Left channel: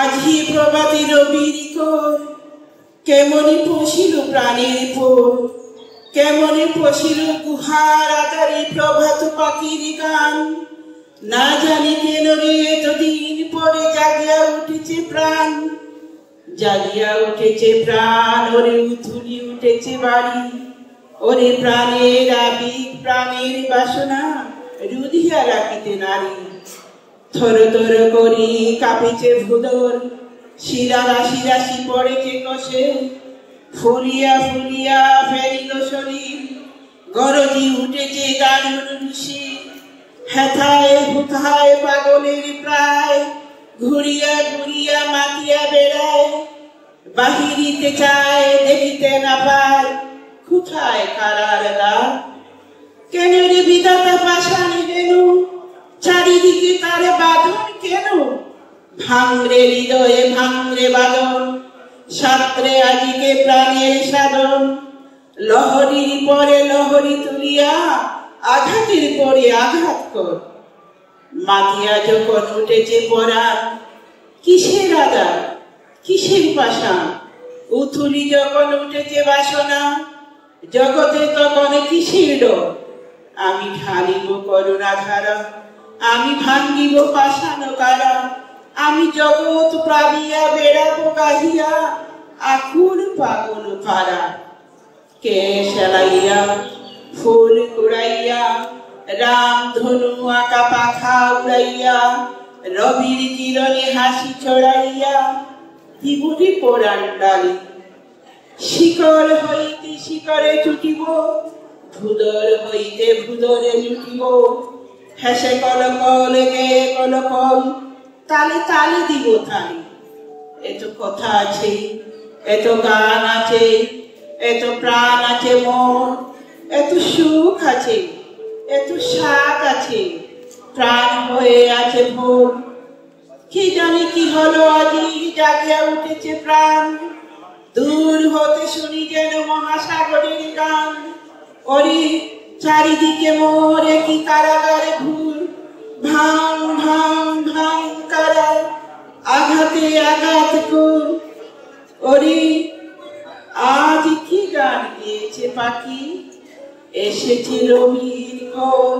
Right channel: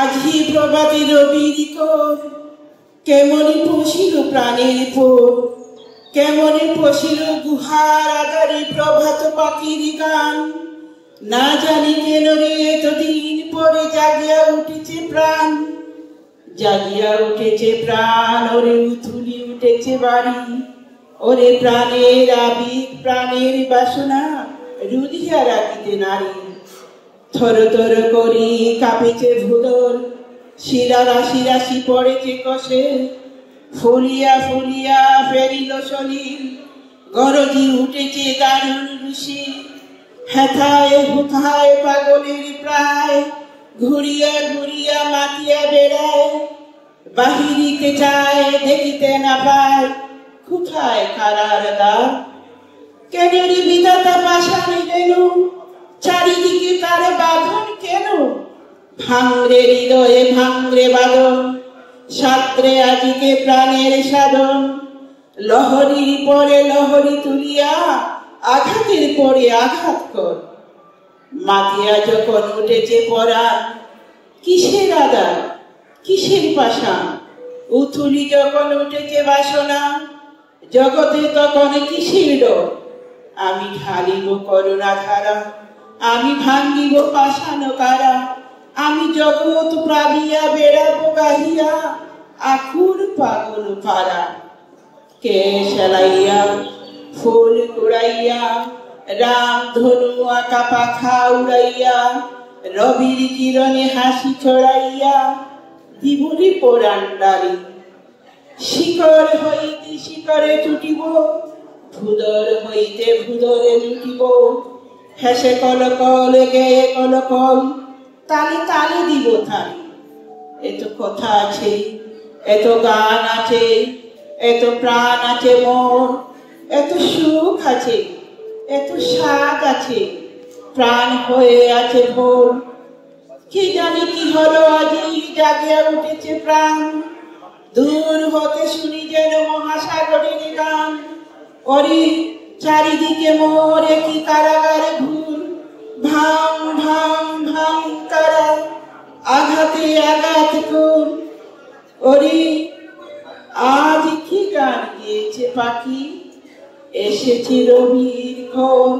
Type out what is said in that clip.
আজি প্রভাতী রবির কোর, কেমনি পশিল প্রাণের পোর, কেমনি পশিল গুহার আধারে প্রভাত পাখির গান। না জানি কেন রে এতদিন পরে জাগিয়া উঠেছে প্রাণ, জাগিয়া উঠেছে প্রাণ, ওরে উথুলি উঠেছে বাড়ি। ওরে প্রাণের আবেগ প্রাণের বাসনা রুধিয়া রাখিতে নারী। থর থর করি কাঁপিছে ভুদর, শিরা রাশি রাশি পড়েছে কষে। ফুলিয়া ফুলিয়া ফেরিল শরীর, গরজি উঠেছে গাঢ় ঋষি। হেথায় হুথায় পাগলের প্রায়, ঘুরিয়া ঘুরিয়া মাতিয়া বেড়ায়। বাহিরিতে চায় দেখিতে না পায়, কোথায় কারার দ্বার। কেন রে বিধাতা পাষাণে গেল, চারিদিকে তার বাঁধন কেন। ভাঙরে হৃদয়ে ভাঙরে বাঁধন, সাত্রে আদিকে প্রাণের সাধন। লহরীর পরে লহরী তুলিয়া, আঘাতের পরে আঘাত কর। মাতিয়া যখন উঠেছে পরাণ, কিসের আঘাত কিসের পাষাণ। উথুলি যখন উঠেছে বাসনা, জগতে তখন কিসের ডর। আমি ঢালিব করুণা ধারা, আমি ভাঙ্গিব পাষাণ কারা। আমি জগৎ প্লাবিয়া বেড়াবো গাহিয়া, আকুল পাগল পারা। কে সেলাইয়া ফুল কুড়াইয়া, রাম ধনু আঁকা পাখা উড়াইয়া। রবির কিরণে হাসি ছড়াইয়া, জীবনে পরাণ ডালি। শিকড় হইতে শিকড়ে ছুটিব, ভুদর হইতে ভুদরে লুটিব। হেসে কলকল গেয়ে কলকল, তালে তালে দিব থালি। এত কথা আছে, এত গান আছে, এত প্রাণ আছে মোর। এত সুখ আছে, এত স্বাদ আছে, প্রাণ হয়ে আছে ভোর। কি জানি কি হলো আজি জাগিয়া উঠেছে প্রাণ। দূর হতে শুনি যেন মহাসাগরের গান। ওরে চারিদিকে মোর কি কারাগারে ঘুর। ভাং ভাং ভাং কারা, আঘাতে আঘাত কর। ওরে আজ কি গান গেয়েছে পাখি, এসেছে রবির ঘর।